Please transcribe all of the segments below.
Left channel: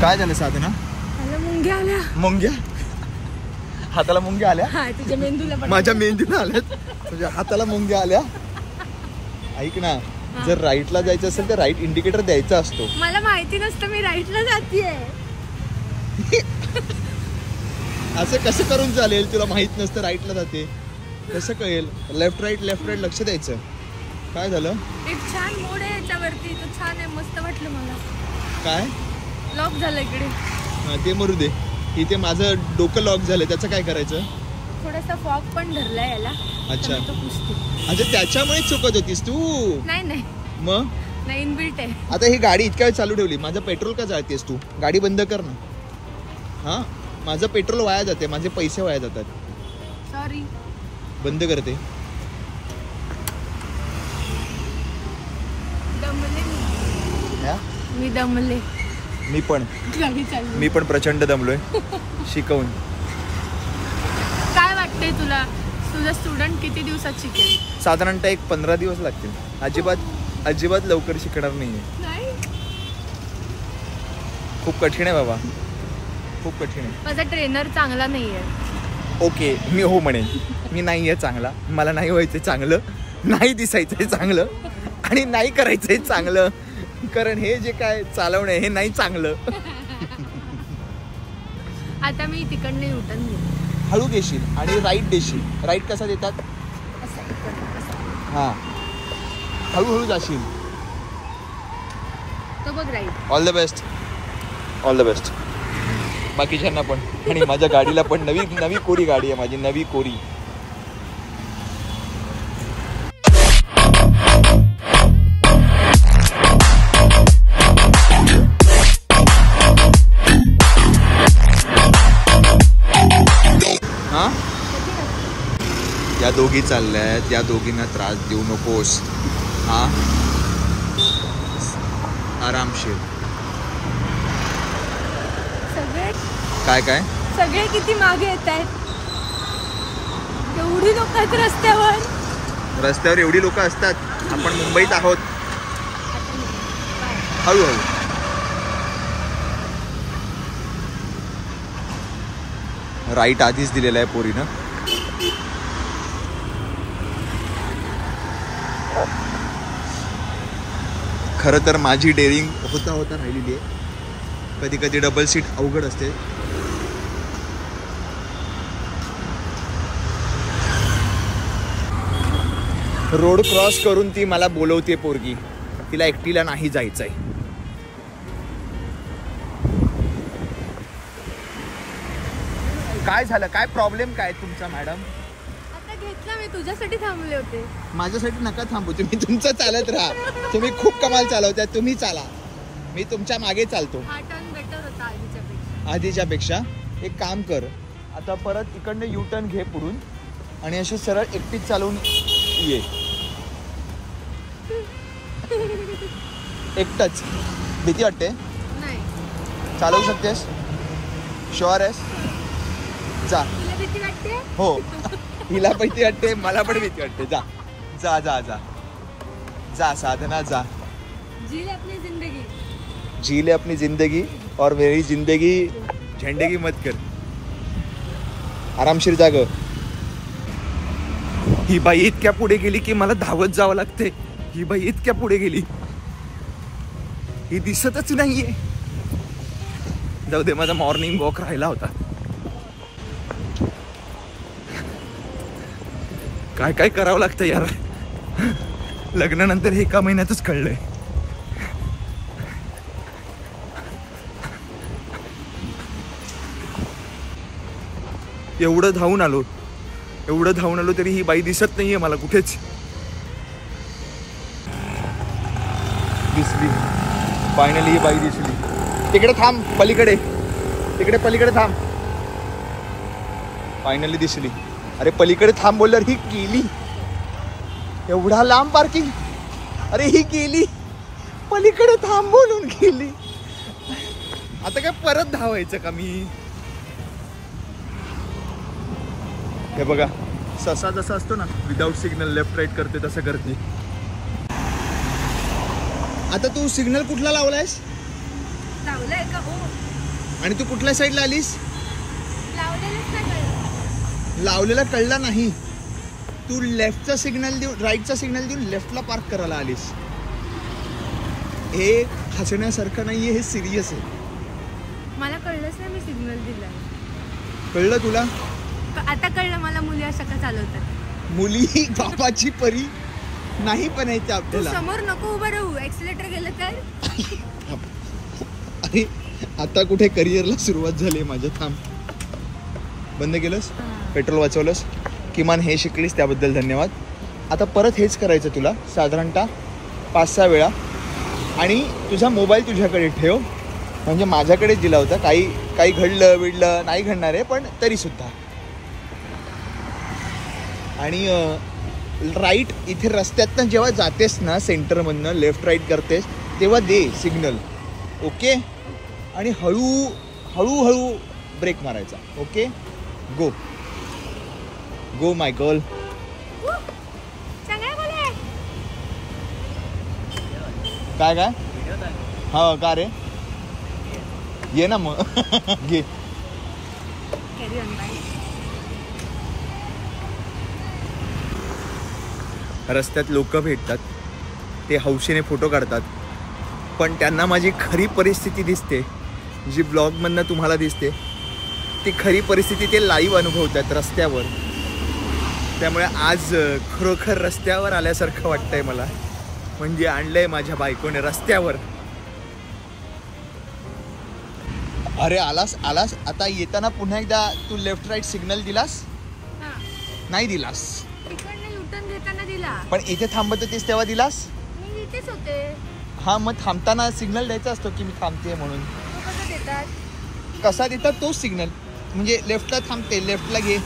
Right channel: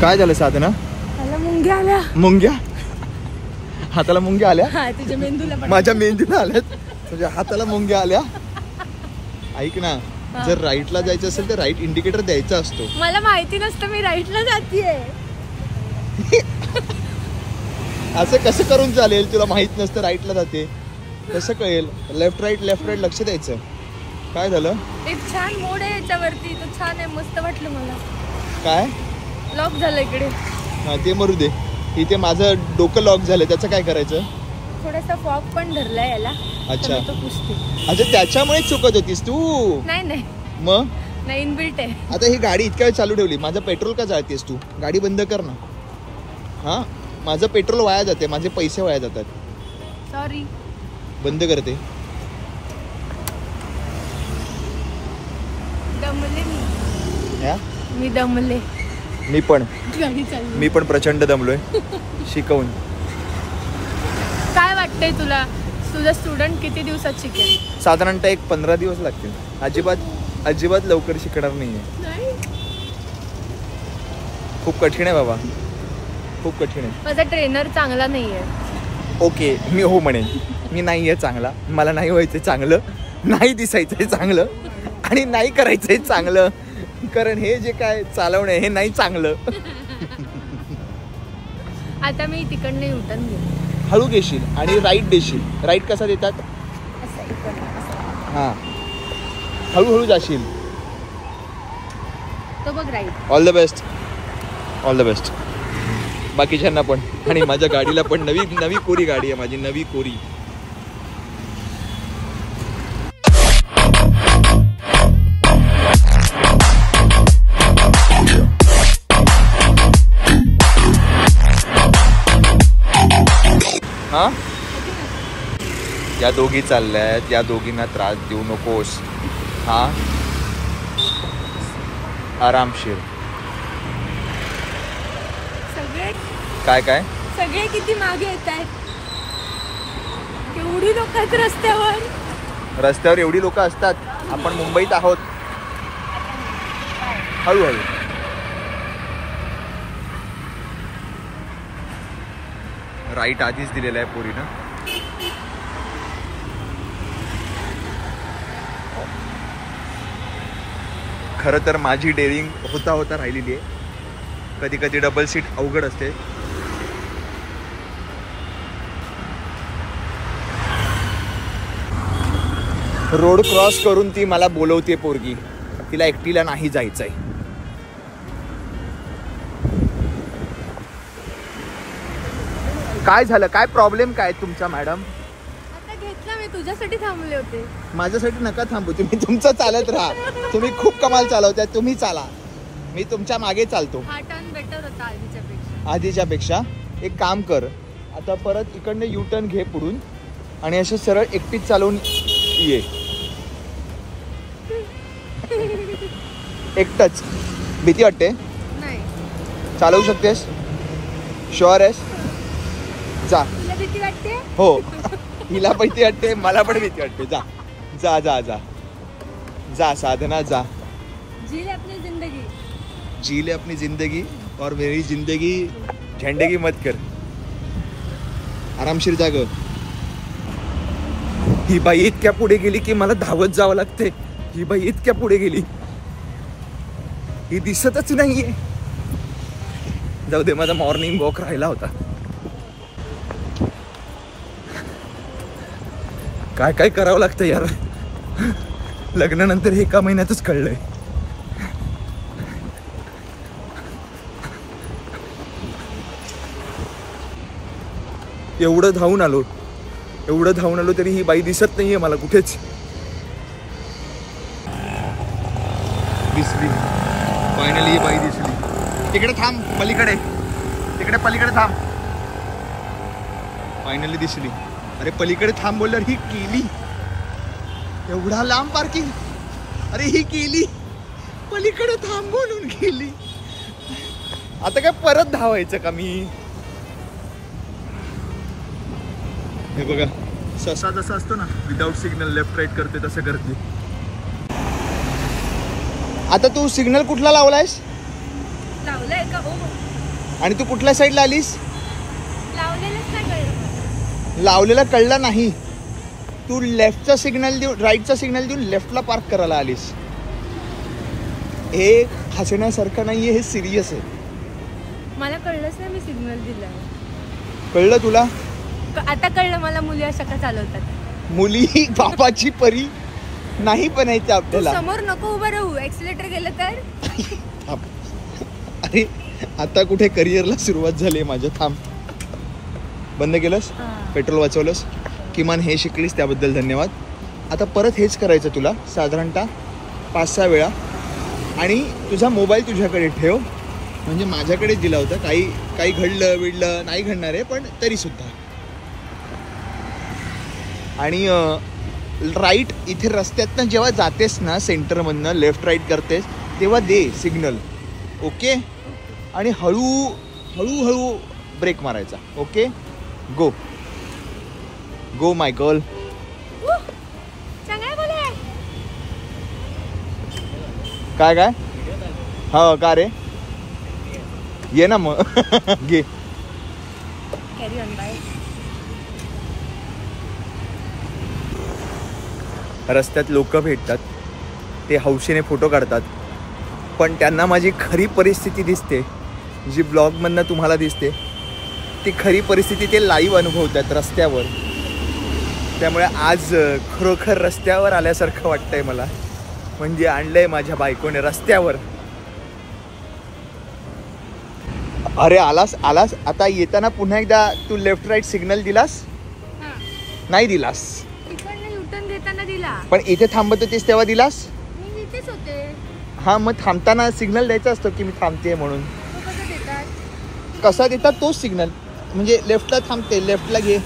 काय झालं साधना? मला मुंग्या आल्या. मुंग्या? हाताला मुंग्या आल्या? हा, तुझ्या मेंदूला पण. माझ्या मेंदूला आल्यात. तुझ्या हाताला मुंग्या आल्या? ऐक ना, जर राईटला जायचं असेल तर राईट इंडिकेटर द्यायचा असतो. मला माहिती नसतं मी राईटला जातीये. असं कसं करून चालेल? तुला माहित नसतं राईटला जाते कसं कळेल? लेफ्ट राईट लक्ष द्यायचं. काय झालं? एक छान मोड आहे याच्यावरती, तो छान आहे, मस्त वाटलं मला. काय लॉक झालं इकडे? हा, ते मरू दे. इथे माझं डोकं लॉक झालं, त्याचं काय करायचं? थोडासा फॉग पण धरलाय याला. अच्छा. तो पुसते. अच्छा, त्याच्यामुळे चुकत होतीस तू? नाही मग नाही, इनबिल्ट आहे. आता ही गाडी इतक्या वेळ चालू ठेवली, माझं पेट्रोल का जाळतेस तू? गाडी बंद कर ना. हा, माझं पेट्रोल वाया जाते, माझे पैसे वाया जातात. सॉरी. बंद करते. दमले मी दमले. मी पण गाडी चालली. मी पण प्रचंड दमलोय शिकवून. काय वाटतंय तुला, तुझा स्टुडंट किती दिवसात शिकेल? साधारणतः एक 15 दिवस लागतील. अजिबात लवकर शिकणार नाहीये. खूप कठीण आहे बाबा, खूप कठीण आहे. माझा ट्रेनर चांगला नाहीये. ओके, मी हो म्हणेन. मी नाहीये चांगला, मला नाही व्हायचंय चांगलं, नाही दिसायचंय चांगलं आणि नाही करायचंय चांगलं, कारण हे जे काय चालवणं हे नाही चांगलं. आता मी तिकडनं युटर्न घेईन. हळू घेशील आणि राईट देशील. राईट कसा देतात? हा, हळूहळू जाशील. तो बघ राईट. All the best. बाकीच्यांना पण, आणि माझ्या गाडीला पण. नवी कोरी गाडी आहे माझी, नवी कोरी. हा, या दोघी चालल्यात, या दोघींना त्रास देऊ नकोस. हा, आरामशीर. सगळे काय सगळे किती मागे येत आहेत. एवढी लोक आहेत रस्त्यावर एवढी लोक असतात. आपण मुंबईत आहोत. हळूहळू. राईट आधीच दिलेला आहे पोरीनं. खरं तर माझी डेअरिंग होता राहिलेली आहे. कधी कधी डबल सीट अवघड असते. रोड क्रॉस करून ती मला बोलवते पोरगी. तिला एकटीला नाही जायचंय. काय झालं? काय प्रॉब्लेम काय तुमचा मॅडम? आता घेतला मी, तुझ्यासाठी थांबले होते. माझ्यासाठी नका थांबू, तुम्ही तुमचं चालत राहा. तुम्ही खूप कमाल चालवताय, तुम्ही चाला, मी तुमच्या मागे चालतो. हा टर्न बेटर होता आधीच्या पेक्षा. एक काम कर, आता परत इकडनं यू टर्न घे पुढून आणि अशी सरळ एकटीच चालवून ये. एकटच. भीती वाटते? नाही. चालवू शकतेस? शुअर आहेस? जा. तुला भीती वाटते? हो, हिला भीती वाटते, मला पण भीती वाटते. जा जा जा जा जा साधना जा. जी ले अपनी जिंदगी. जी ले अपनी जिंदगी और मेरी जिंदगी झंडेगी मत कर. आरामशीर जाग. ही बाई इतक्या पुढे गेली की मला धावत जावं लागते. ही बाई इतक्या पुढे गेली, ही दिसतच नाहीये. जाऊ दे, माझा मॉर्निंग वॉक राहिला होता. काय काय करावं लागतं यार. लग्नानंतर एका महिन्यातच कळलंय. एवढं धावून आलो तरी ही बाई दिसत नाहीये मला कुठेच. दिसली फायनली, ही बाई दिसली. तिकडे थांब, पलीकडे, तिकडे पलीकडे थांब. फायनली दिसली. अरे पलीकडे थांब बोलल्यावर ही गेली. एवढा लांब पार्किंग. अरे ही गेली, पलीकडे थांब बोलून गेली. आता काय परत धावायचं का मी? हे बघा, ससा जसा असतो ना, विदाउट सिग्नल लेफ्ट राईट करते तसं करते. आता तू सिग्नल कुठला लावलायस? लावलंय का? हो. आणि तू कुठल्या साईडला आलीस? लावलेलंच नाही कळलं. लावलेला कळला नाही. तू लेफ्टचा सिग्नल देऊन राईटचा सिग्नल देऊन लेफ्टला पार्क करायला आलीस. हे हसण्यासारखं नाहीये, हे सिरियस आहे. मला कळलंच नाही मी सिग्नल दिला. कळलं तुला? आता कळलं मला मुली अशा का चालवतात. मुली बापाची परी नाही पण यायचं आपल्याला. समोर नको उभं राहू, एक्सिलेटर गेलं तर. अरे आता कुठे करिअरला सुरुवात झाली माझ्या. थांब. बंद केलंस, पेट्रोल वाचवलंस, किमान हे शिकलीस त्याबद्दल धन्यवाद. आता परत हेच करायचं तुला साधारणतः 5-6 वेळा. आणि तुझा मोबाईल तुझ्याकडे ठेव, म्हणजे माझ्याकडेच दिला होता. काही घडलं विडलं नाही घडणार आहे, पण तरी सुद्धा. आणि राईट इथे रस्त्यातनं जेव्हा जातेस ना, सेंटरमधनं लेफ्ट राईट करतेस तेव्हा दे सिग्नल. ओके. आणि हळूहळू ब्रेक मारायचा. Okay. Go go my girl. काय हो का रे? ये ना मग. घे. Carry on. बाय. रस्त्यात लोक भेटतात, ते हौशीने फोटो काढतात, पण त्यांना माझी खरी परिस्थिती दिसते, जी ब्लॉगमधनं तुम्हाला दिसते. ती खरी परिस्थिती ते लाईव्ह अनुभवतात रस्त्यावर. त्यामुळे आज खरोखर रस्त्यावर आल्यासारखं वाटतंय मला. म्हणजे आणलंय माझ्या बायकोने रस्त्यावर. अरे आलास. आता येताना पुन्हा एकदा तू लेफ्ट राईट सिग्नल दिलास? नाही दिलास. तिकडनं युटर्न देताना दिला. पण इथे थांबत होतीस तेव्हा दिलास? मी इथेच होते. हा, मग थांबताना सिग्नल द्यायचा असतो की मी थांबते म्हणून. कसं देतात? कसा देतात तोच सिग्नल. म्हणजे लेफ्टला थांबते, लेफ्टला घे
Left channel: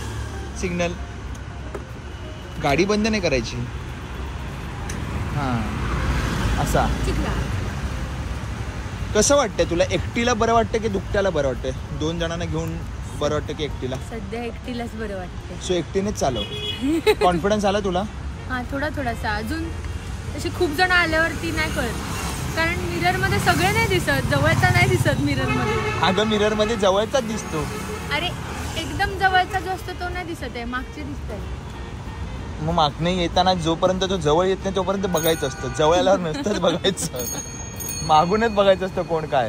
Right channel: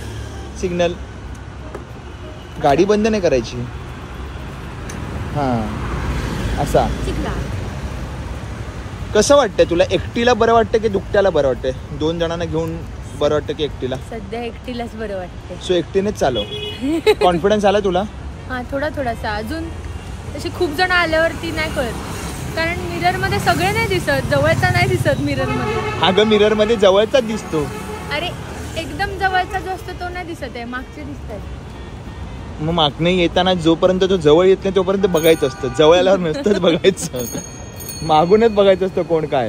सिग्नल. गाडी बंद नाही करायची. हा असा. कसं वाटतंय तुला? एकटीला बरं वाटतं की दुकट्याला बरं वाटतंय? 2 जणांना घेऊन बरं वाटतं की एकटीला? सध्या एकटीलाच बरं वाटतं. सो एकटीनेच चालव. कॉन्फिडन्स आला तुला? हा, थोडासा. अजून तशी खूप जण आल्यावरती नाही कळत, कारण मिरर मध्ये सगळे नाही दिसत. जवळचा नाही दिसत मिरर मध्ये. अगं मिरर मध्ये जवळचाच दिसतो. अरे एकदम जवळचा जो असतो तो नाही दिसत आहे, मागचे दिसतात. मग मागणे येताना जोपर्यंत तो जवळ येत नाही तोपर्यंत बघायचं असतं. जवळ आल्यावर नुसतंच बघायचं, मागूनच बघायचं असतं कोण काय.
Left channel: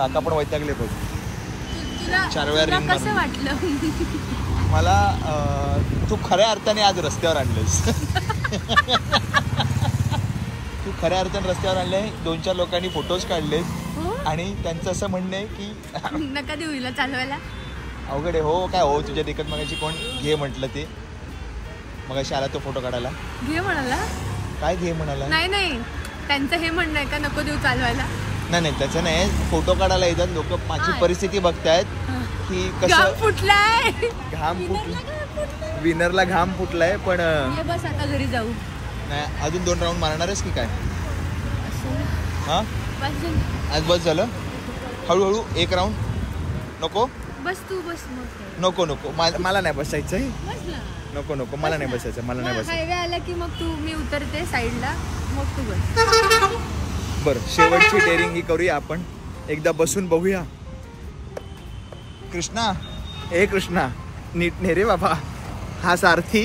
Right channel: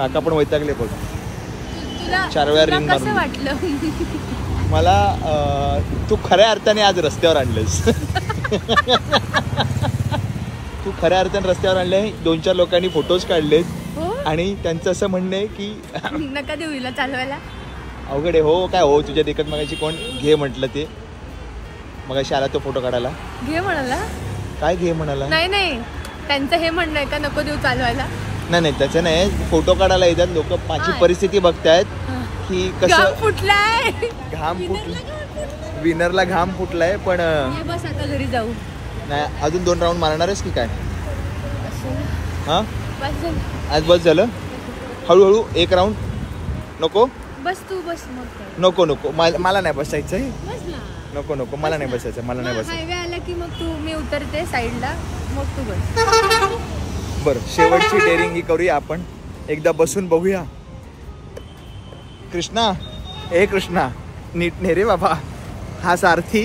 आता पण वैतागले बघ. 4 वेळा रिंग कसं वाटलं? मला तू खऱ्या अर्थाने आज रस्त्यावर आणलंस. तू खऱ्या अर्थाने रस्त्यावर आणलंय. 2-4 लोकांनी फोटोज काढले आणि त्यांचं असं म्हणणं आहे की नका देऊ हिला चालवायला. अवघड आहे. हो काय हो, तुझ्या देखत मगाशी कोण घे म्हटलं ते. मगाशी आला तो फोटो काढायला. घे म्हणाला? काय घे म्हणाला? नाही, त्यांचं हे म्हणणं आहे का नको देऊ चालवायला? नाही त्याचं नाही. फोटो काढायला येतात लोक. माझी परिस्थिती बघतायत की घाम फुटलाय. घाम फुटला, विनरला घाम फुटलाय. पण बस आता घरी जाऊ. नाही, अजून 2 राऊंड मारणारच की काय? हा, आज बस झालं. हळूहळू 1 राऊंड. नको बस, तू बस मग. नको मला नाही बसायचंय. नको मला नाही बसायचं. हायवे आला की मग तू, मी उतरते साईडला, मग तू बस. बरं, शेवटची डेअरिंग ही करूया आपण. एकदा बसून बघूया. कृष्णा नीट ने रे बाबा. हा सारथी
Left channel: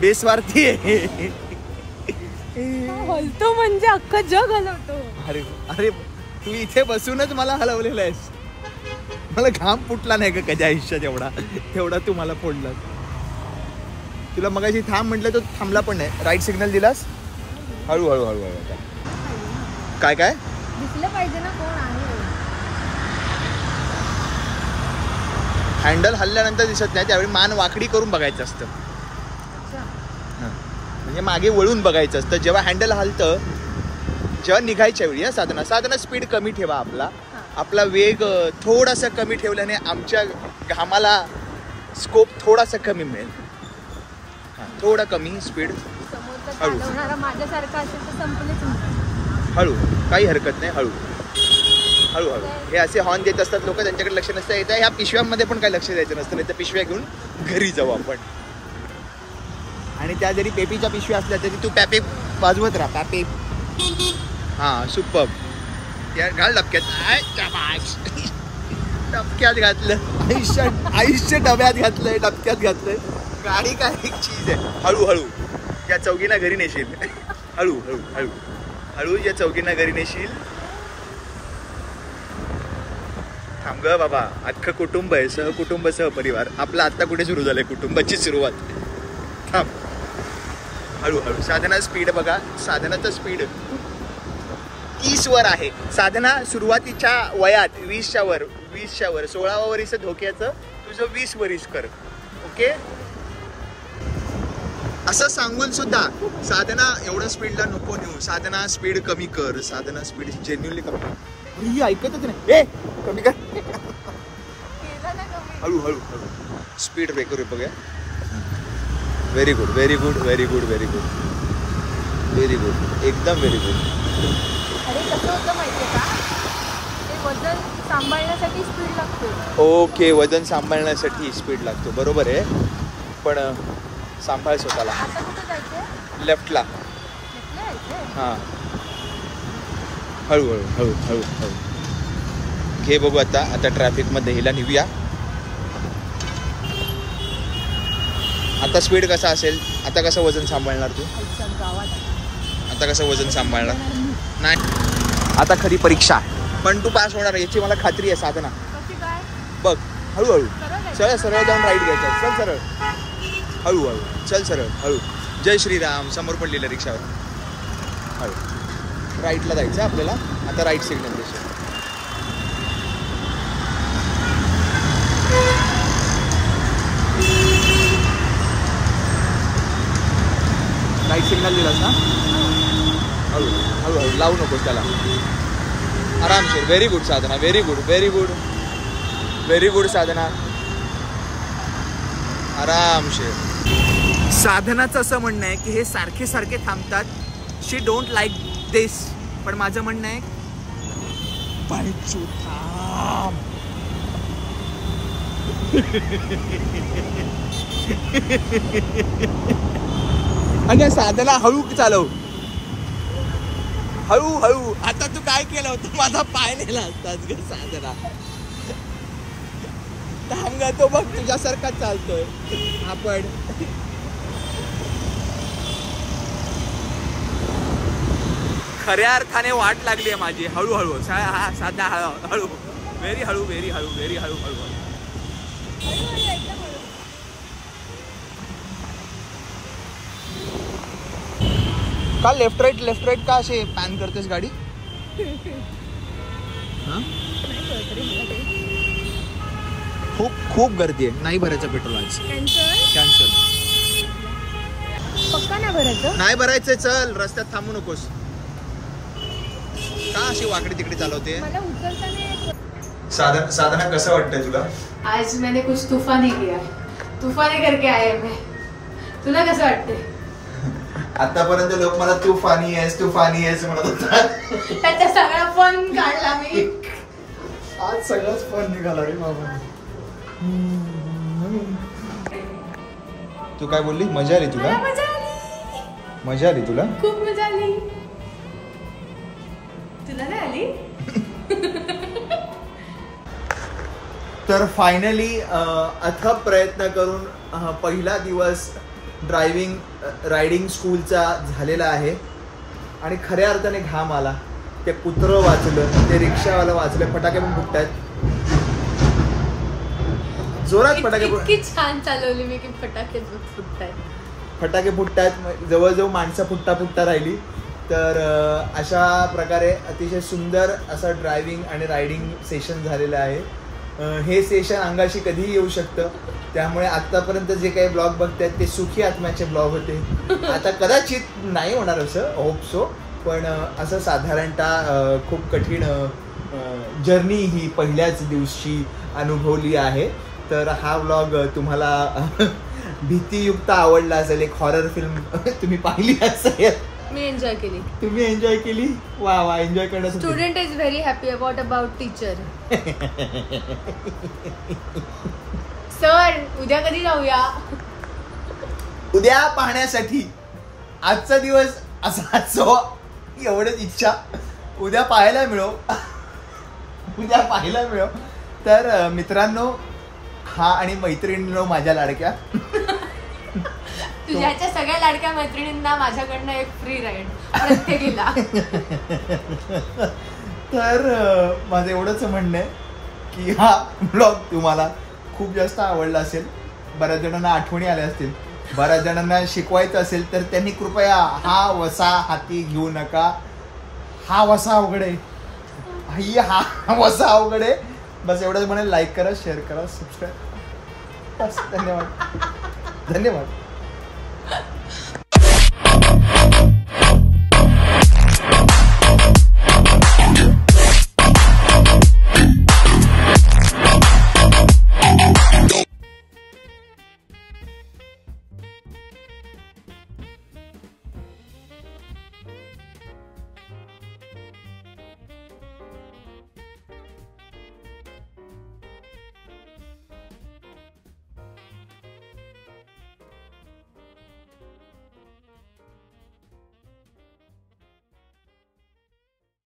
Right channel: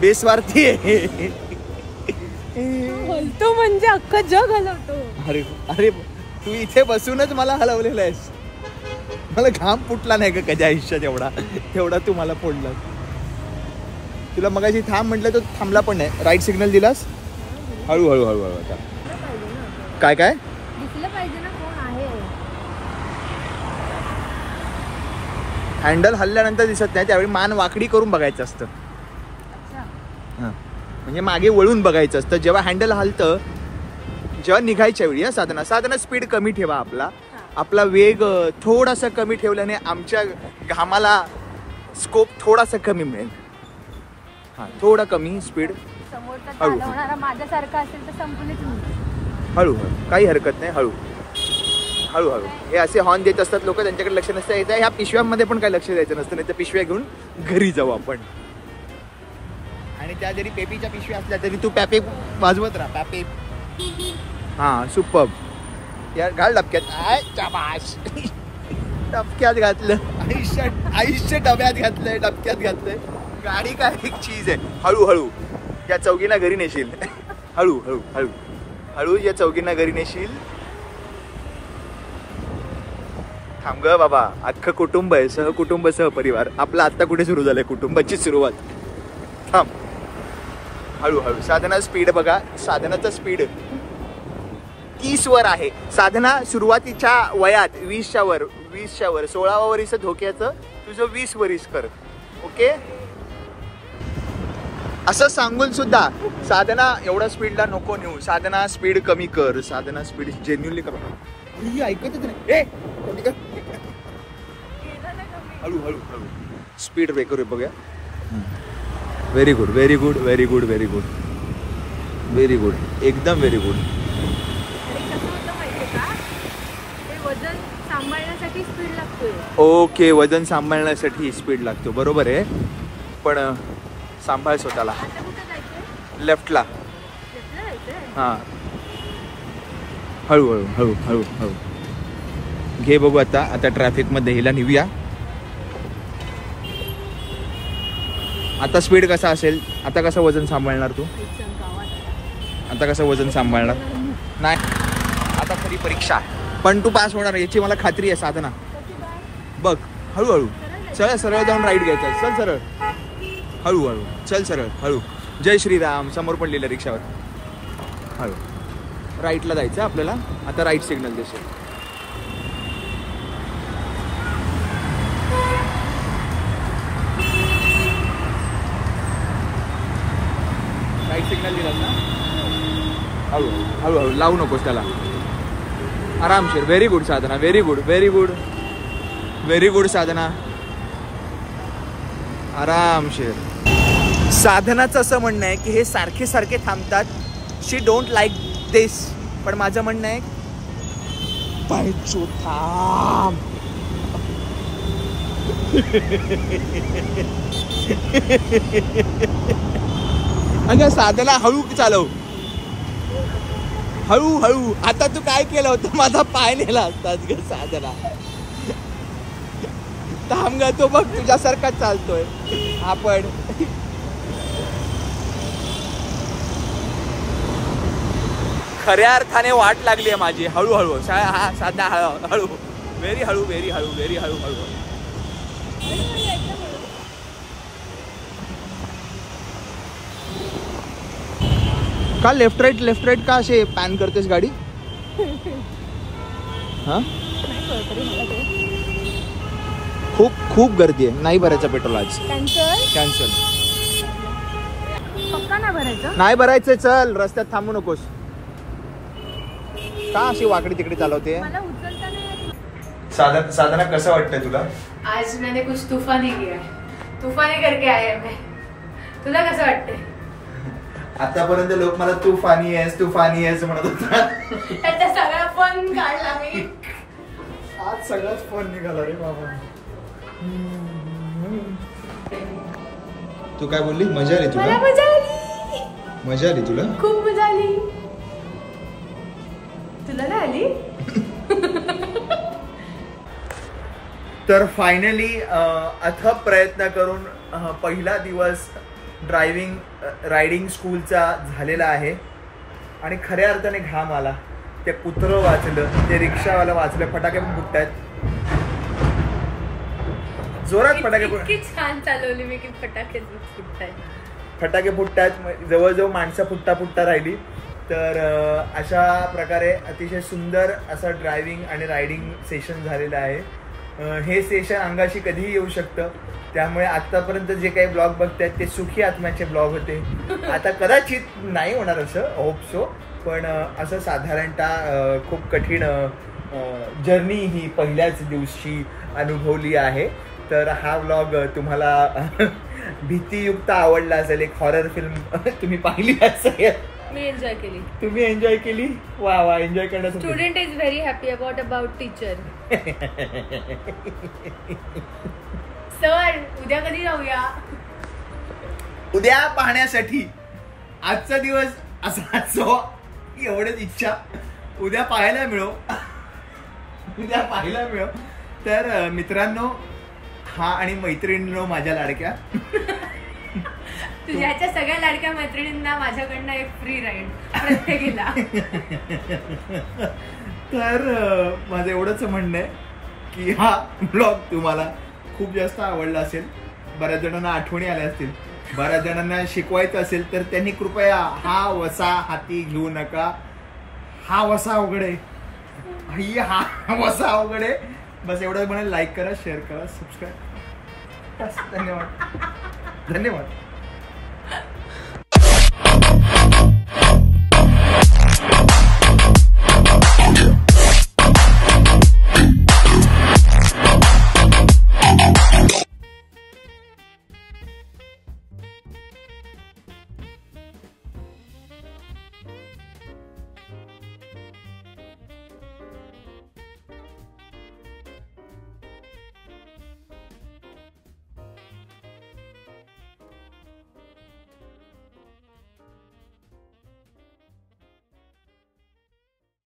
बेस्वार्थी आहे. हलतो म्हणजे अख्खं जग हलवतो. अरे तू इथे बसूनच मला हलवलेलं आहेस. मला घाम फुटला नाही का कधी आयुष्यात तेवढा तू मला फोडला. तुला मगाशी थांब म्हटलं तर थांबला पण नाही. राईट सिग्नल दिलास. हळू. काय दिसलं पाहिजे ना कोण आहे. हँडल हल्ल्यानंतर दिसत नाही, त्यावेळी मान वाकडी करून बघायचं असतं. म्हणजे मागे वळून बघायचं असतं जेव्हा हँडल हलतं. जेव्हा निघायच्या वेळी साधना स्पीड कमी ठेवा. आपला वेग थोडासा कमी ठेवल्याने आमच्या घामाला स्कोप थोडासा कमी मिळेल. थोडा कमी स्पीड. माझ्यासारखा असेल तर संपलेच नाही. हळू, काही हरकत नाही. हळू. हे असे हॉर्न देत असतात लोक, त्यांच्याकडे लक्ष नसतं. येतं ह्या पिशव्यांमध्ये पण काही लक्ष द्यायचं नसतं. नाही तर पिशव्या घेऊन घरी जाऊ आपण. आणि त्या जरी पेपीच्या पिशव्या असल्या तरी तू पॅपे वाजवत राहा. पॅपे. हा, सुपर्ब. या घाल डबक्यात. डबक्यात घातलंय, आयुष्य डब्यात घातलंय, डबक्यात घातलंय. गाडी काय एक चीज आहे. हळूहळू या चौघींना घरी नेशील. हळू हळू हळू हळू या चौघींना घरी नेशील. थांब ग बाबा, अख्खं कुटुंब आहे, सहकुटुंब सहपरिवार. आपलं आता कुठे सुरू झालंय कुटुंबाची सुरुवात. थांब हळूहळू. साधना स्पीड बघा, साधनाचा स्पीड 30 वर आहे. साधना सुरुवातीच्या वयात 20च्या वर 16व्या वरीस धोक्याचं तुझं 20 वरीस कर. ओके, असं सांगून सुद्धा साधना एवढ्या स्पीडला नको नेऊ. साधना स्पीड कमी कर. साधना स्पीड जेन्युअनली कर. ही ऐकतच नाही. ए कमी कर. हळू हळू हळू. स्पीड ब्रेकर आहे बघा. Very good very good very good very good very good, एकदम व्हेरी गुड. अरे कसं होतं माहितीये का, ते वजन सांभाळण्यासाठी स्पीड लागतो. ओके, वजन सांभाळण्यासाठी स्पीड लागतो, बरोबर आहे. पण सांभाळ स्वतःला. आता कुठे जायचंय? लेफ्टला. लेफ्टला जायचंय. हां, हळू हळू हळू हळू हळू घे बघू. आता ट्रॅफिक मध्ये हिला निघूया. आता स्पीड कसा असेल? आता कसं वजन सांभाळणार तू? आता कसं वजन सांभाळणार? नाही, आता खरी परीक्षा आहे. पण तू पास होणार याची मला खात्री आहे साधना. बघ हळूहळू. सरळ सरळ जाऊन राईट घ्यायचा. चल सरळ, हळूहळू चल, सरळ हळू. जय श्रीराम समोर पण लिहिलं रिक्षावर. हळू राईटला जायचं आपल्याला. आता राईट सिग्नल दिसतो. राईट सिग्नल दिलास ना? हळू हळूहळू लावू नकोस त्याला. आरामशीर. Very good Sadhana, very good very good very good Sadhana, आरामशीर. साधनाचं असं म्हणणं आहे की हे सारखे सारखे थांबतात. शी डोंट लाईक दिस. पण माझं म्हणणं आहे बाईक थांब. अगं साधना हळू चालव, हळू हळू. आता तू काय केलं होतं? माझा पाय नेला असतात ग साधना. थांब ग, तो मग तुझ्यासारखा चालतोय आपण. खऱ्या अर्थाने वाट लागली आहे माझी. हळूहळू. हा साधना हळू हळू, व्हेरी हळू व्हेरी हळू व्हेरी हळू हळू. का लेफ्ट राईट का असे पॅन करतेस गाडी? हा, खूप गर्दी आहे. नाही भरायचं पेट्रोल आज. कॅन्सल. पक्का नाही भरायचं? नाही भरायचं. चल, रस्त्यात थांबू नकोस. का अशी वाकडी तिकडे चालवते? मला उचलता नाही. साधना कसं वाटतंय तुला? आज मैंने कुछ तूफानी किया है. तूफानी करके आए मैं. तुला कसं वाटतंय? आतापर्यंत लोक मला तू फानी आहेस म्हणत होता. त्याचा सगळा फन काढला मी. आज सगळाच फन निघाला रे बाबा. तू काय बोलली? मजा आली तुला? मजा आली तुला? खूप मजा आली. तुला नाही आली? तर फायनली अथक प्रयत्न करून पहिला दिवस रायडिंग स्कूलचा झालेला आहे. आणि खऱ्या अर्थाने घाम आला. ते कुत्रं वाचलं, ते रिक्षावाला वाचलं. फटाके पण फुटतायत जोरात. फटाके इतकी छान चालवली मी की फटाके फुटतायत. फटाके फुटतायत. जवळजवळ माणसं फुटता राहिली. तर अशा प्रकारे अतिशय सुंदर असं ड्रायव्हिंग आणि रायडिंग सेशन झालेलं आहे. हे सेशन अंगाशी कधीही येऊ शकतं. त्यामुळे आतापर्यंत जे काही ब्लॉग बघतायत ते सुखी आत्म्याचे ब्लॉग होते. आता कदाचित नाही होणार असं, होप सो. पण असं साधारणतः खूप कठीण जर्नी ही पहिल्याच दिवशी अनुभवली आहे. तर हा ब्लॉग तुम्हाला भीतीयुक्त आवडला असेल. एक हॉरर फिल्म तुम्ही पाहिली असेल. मी एन्जॉय केली. तुम्ही एन्जॉय केली? वा वा, एन्जॉय करण्यासाठी. Student is very happy about teacher. Sir उद्या कधी जाऊया? उद्या पाहण्यासाठी आजचा दिवस असा एवढीच इच्छा. उद्या पाहायला मिळो. तर मित्रांनो हा आणि मैत्रिणींनो माझ्या लाडक्या, तुझ्याच्या सगळ्या लाडक्या मैत्रिणींना माझ्याकडनं एक फ्री राईड प्रत्येकीला. तर माझं एवढंच म्हणणं आहे की हा ब्लॉग तुम्हाला खूप जास्त आवडला असेल, बऱ्याच जणांना आठवणी आल्या असतील, बऱ्याच जणांना शिकवायचं असेल तर त्यांनी कृपया हा वसा हाती घेऊ नका. हा वसा अवघड आहे, हा वसा अवघड आहे. बस एवढंच म्हणेल. लाईक करा, शेअर करा, सबस्क्राईब. धन्यवाद.